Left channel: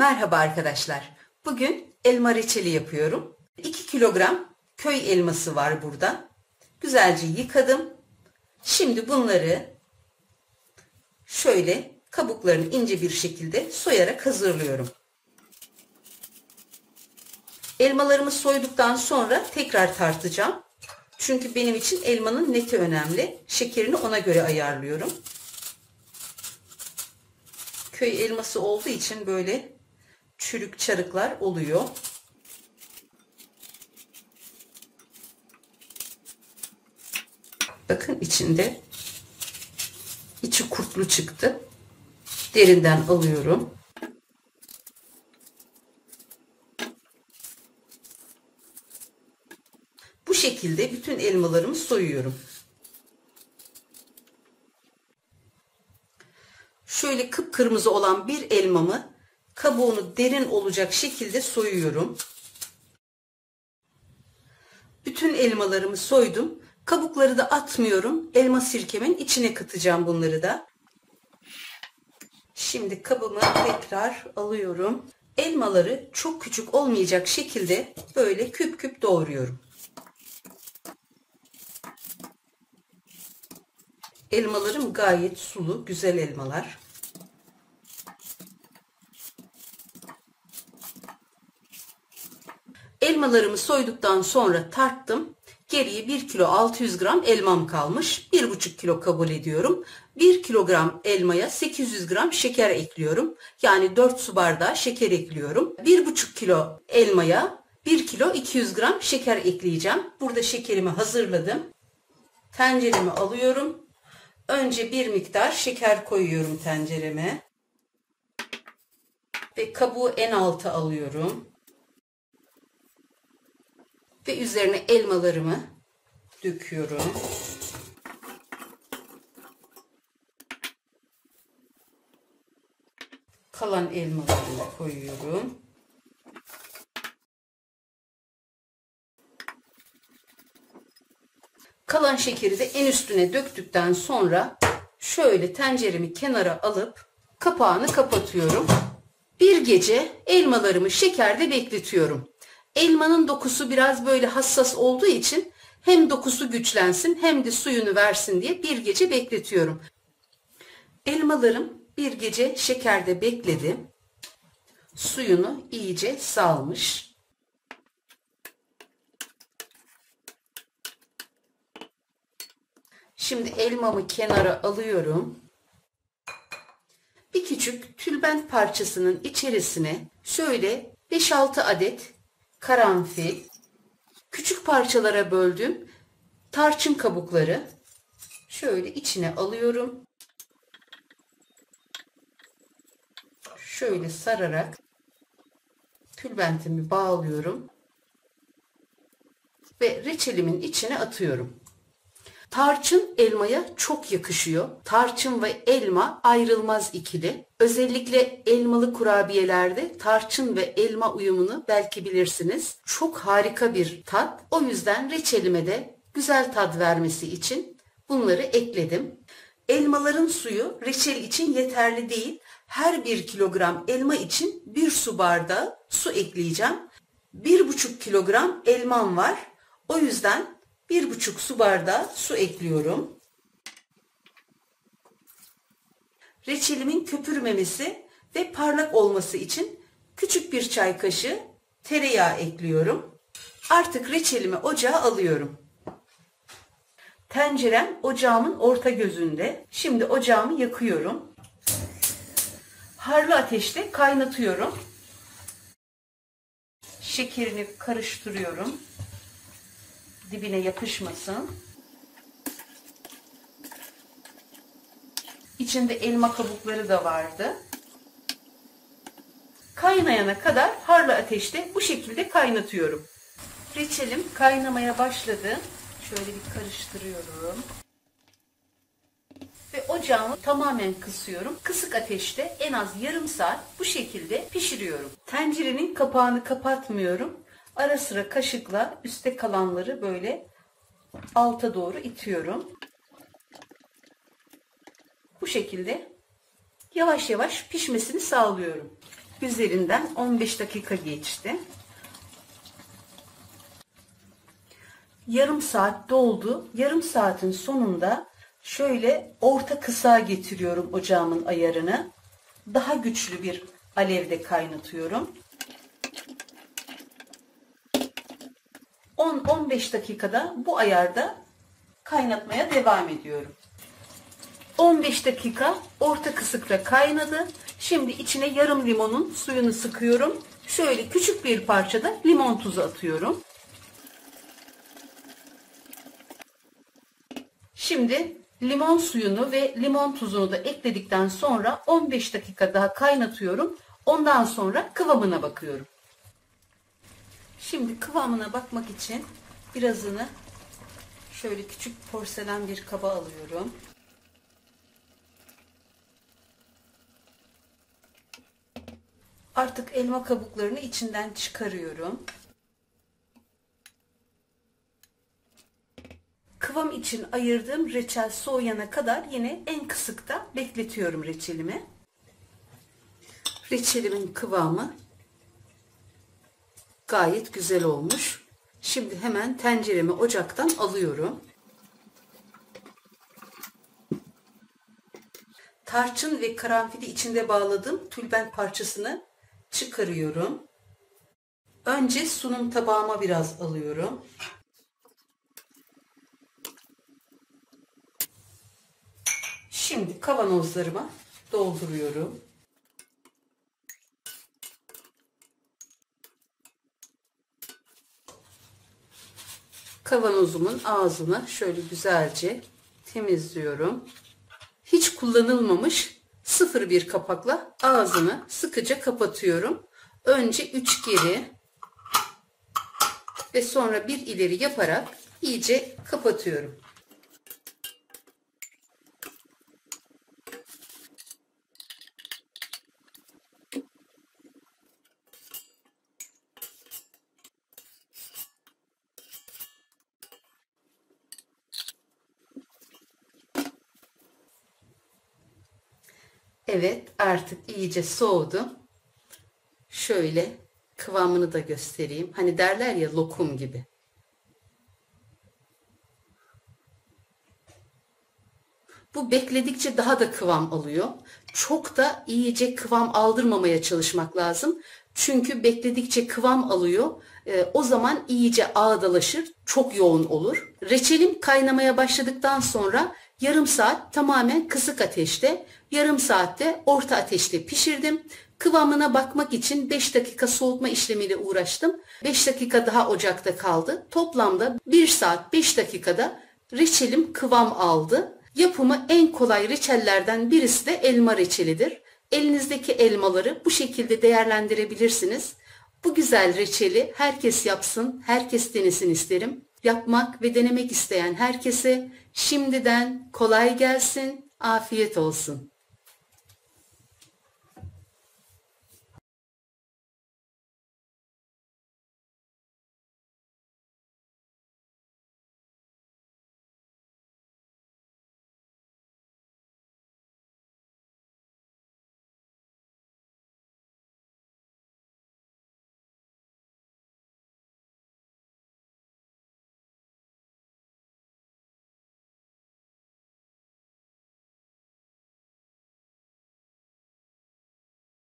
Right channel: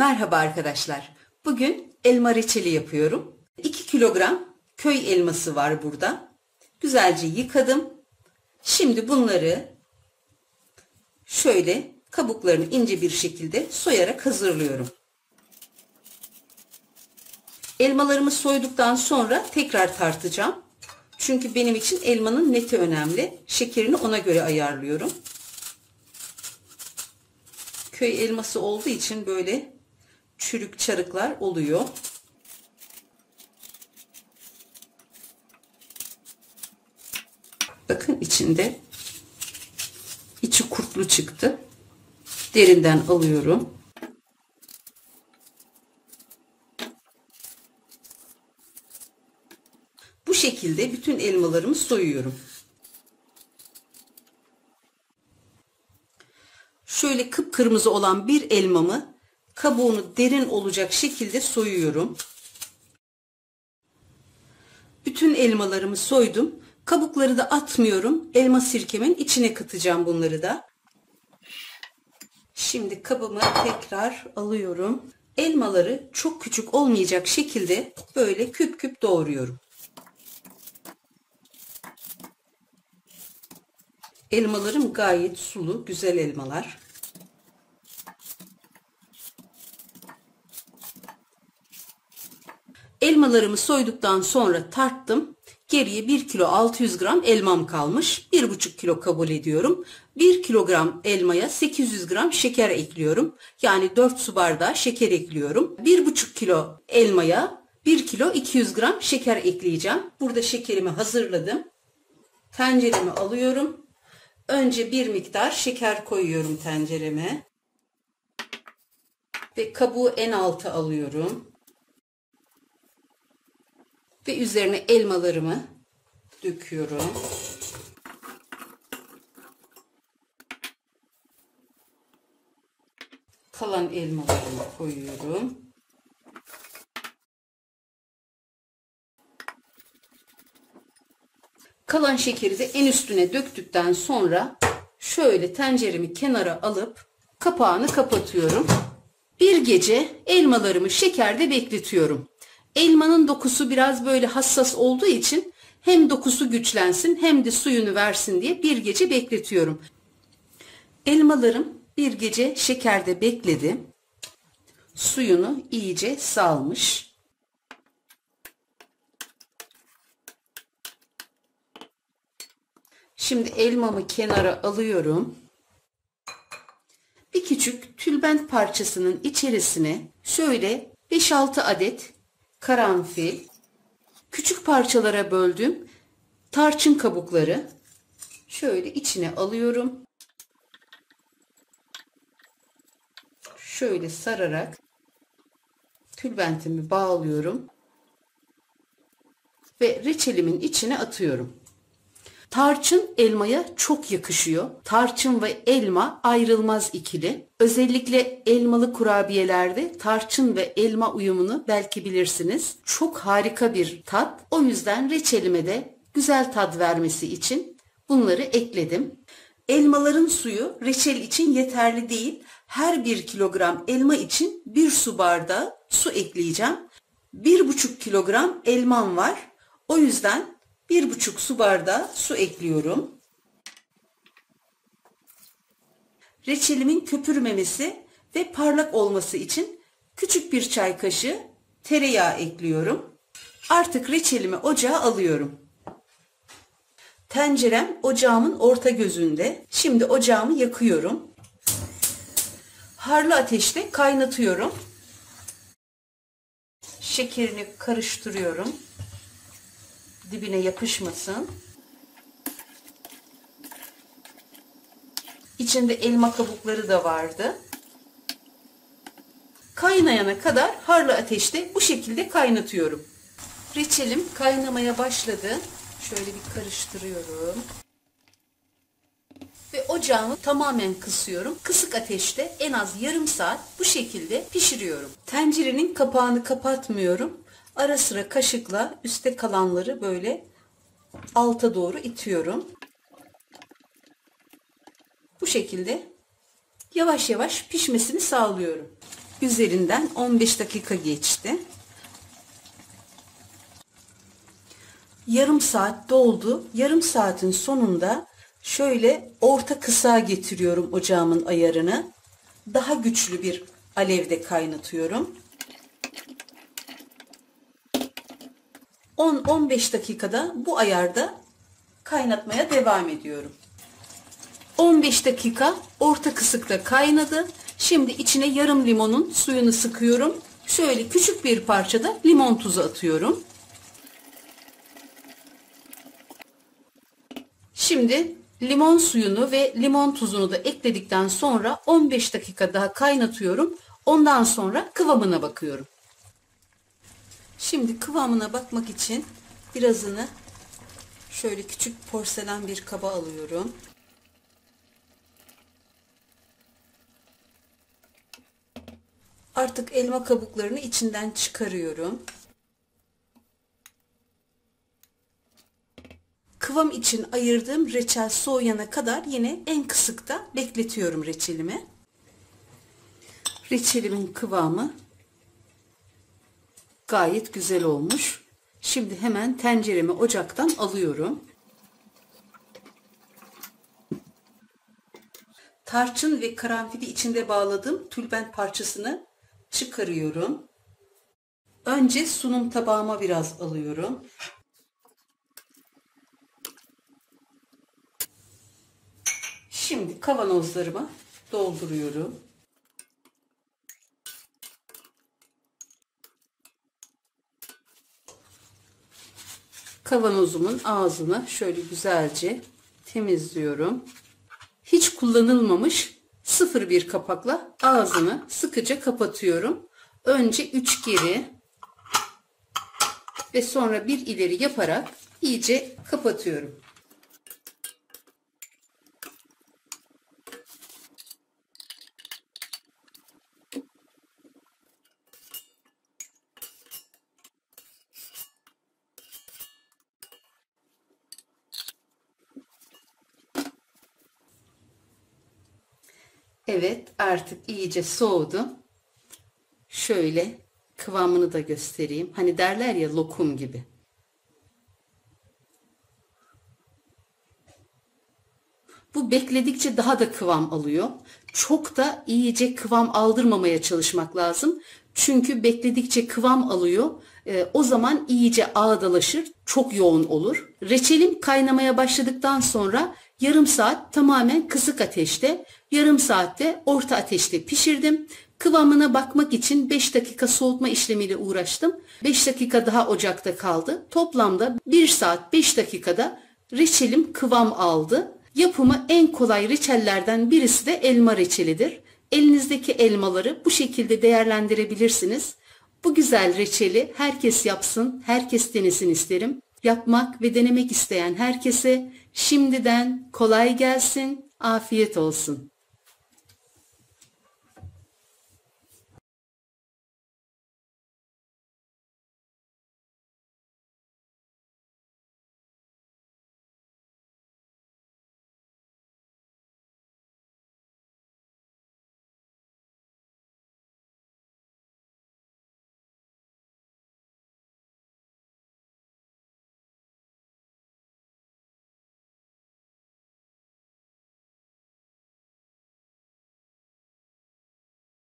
Merhaba arkadaşlar. Bugün elma reçeli yapıyorum. 2 kilogram köy elması var burada. Güzelce yıkadım. Şimdi bunları şöyle kabuklarını ince bir şekilde soyarak hazırlıyorum. Elmalarımı soyduktan sonra tekrar tartacağım. Çünkü benim için elmanın neti önemli. Şekerini ona göre ayarlıyorum. Köy elması olduğu için böyle çürük çarıklar oluyor. Bakın içi kurtlu çıktı. Derinden alıyorum. Bu şekilde bütün elmalarımı soyuyorum. Şöyle kıpkırmızı olan bir elmamı kabuğunu derin olacak şekilde soyuyorum. Bütün elmalarımı soydum. Kabukları da atmıyorum. Elma sirkemin içine katacağım bunları da. Şimdi kabımı tekrar alıyorum. Elmaları çok küçük olmayacak şekilde böyle küp küp doğruyorum. Elmalarım gayet sulu, güzel elmalar. Elmalarımı soyduktan sonra tarttım. Geriye 1 kilo 600 gram elmam kalmış. 1,5 kilo kabul ediyorum. 1 kilogram elmaya 800 gram şeker ekliyorum. Yani 4 su bardağı şeker ekliyorum. 1,5 kilo elmaya 1 kilo 200 gram şeker ekleyeceğim. Burada şekerimi hazırladım. Tenceremi alıyorum. Önce bir miktar şeker koyuyorum tencereme. Ve kabuğu en alta alıyorum. Ve üzerine elmalarımı döküyorum. Kalan elmalarımı koyuyorum. Kalan şekeri de en üstüne döktükten sonra şöyle tenceremi kenara alıp kapağını kapatıyorum. Bir gece elmalarımı şekerde bekletiyorum. Elmanın dokusu biraz böyle hassas olduğu için hem dokusu güçlensin hem de suyunu versin diye bir gece bekletiyorum. Elmalarım bir gece şekerde bekledi. Suyunu iyice salmış. Şimdi elmamı kenara alıyorum. Bir küçük tülbent parçasının içerisine şöyle 5-6 adet karanfil, küçük parçalara böldüğüm tarçın kabukları şöyle içine alıyorum. Şöyle sararak tülbentimi bağlıyorum ve reçelimin içine atıyorum. Tarçın elmaya çok yakışıyor. Tarçın ve elma ayrılmaz ikili. Özellikle elmalı kurabiyelerde tarçın ve elma uyumunu belki bilirsiniz. Çok harika bir tat. O yüzden reçelime de güzel tat vermesi için bunları ekledim. Elmaların suyu reçel için yeterli değil. Her 1 kilogram elma için 1 su bardağı su ekleyeceğim. 1,5 kilogram elmam var. O yüzden 1,5 su bardağı su ekliyorum. Reçelimin köpürmemesi ve parlak olması için küçük bir çay kaşığı tereyağı ekliyorum. Artık reçelimi ocağa alıyorum. Tencerem ocağımın orta gözünde. Şimdi ocağımı yakıyorum. Harlı ateşte kaynatıyorum. Şekerini karıştırıyorum. Dibine yapışmasın. İçinde elma kabukları da vardı. Kaynayana kadar harlı ateşte bu şekilde kaynatıyorum. Reçelim kaynamaya başladı. Şöyle bir karıştırıyorum. Ve ocağımı tamamen kısıyorum. Kısık ateşte en az yarım saat bu şekilde pişiriyorum. Tencerenin kapağını kapatmıyorum. Ara sıra kaşıkla üstte kalanları böyle alta doğru itiyorum. Bu şekilde yavaş yavaş pişmesini sağlıyorum. Üzerinden 15 dakika geçti. Yarım saat doldu. Yarım saatin sonunda şöyle orta kısığa getiriyorum ocağımın ayarını. Daha güçlü bir alevde kaynatıyorum. 10-15 dakikada bu ayarda kaynatmaya devam ediyorum. 15 dakika orta kısıkta kaynadı. Şimdi içine yarım limonun suyunu sıkıyorum. Şöyle küçük bir parçada limon tuzu atıyorum. Şimdi limon suyunu ve limon tuzunu da ekledikten sonra 15 dakika daha kaynatıyorum. Ondan sonra kıvamına bakıyorum. Şimdi kıvamına bakmak için birazını şöyle küçük porselen bir kaba alıyorum. Artık elma kabuklarını içinden çıkarıyorum. Kıvam için ayırdığım reçel soğuyana kadar yine en kısıkta bekletiyorum reçelimi. Reçelimin kıvamı gayet güzel olmuş. Şimdi hemen tenceremi ocaktan alıyorum. Tarçın ve karanfili içinde bağladığım tülbent parçasını çıkarıyorum. Önce sunum tabağıma biraz alıyorum. Şimdi kavanozlarıma dolduruyorum. Kavanozumun ağzını şöyle güzelce temizliyorum. Hiç kullanılmamış 0,1 kapakla ağzını sıkıca kapatıyorum. Önce 3 geri ve sonra 1 ileri yaparak iyice kapatıyorum. Evet, artık iyice soğudu. Şöyle kıvamını da göstereyim. Hani derler ya, lokum gibi. Bu bekledikçe daha da kıvam alıyor. Çok da iyice kıvam aldırmamaya çalışmak lazım. Çünkü bekledikçe kıvam alıyor. O zaman iyice ağdalaşır, çok yoğun olur. Reçelim kaynamaya başladıktan sonra yarım saat tamamen kısık ateşte, yarım saatte orta ateşte pişirdim. Kıvamına bakmak için 5 dakika soğutma işlemiyle uğraştım. 5 dakika daha ocakta kaldı. Toplamda 1 saat 5 dakikada reçelim kıvam aldı. Yapımı en kolay reçellerden birisi de elma reçelidir. Elinizdeki elmaları bu şekilde değerlendirebilirsiniz. Bu güzel reçeli herkes yapsın, herkes denesin isterim. Yapmak ve denemek isteyen herkese şimdiden kolay gelsin, afiyet olsun.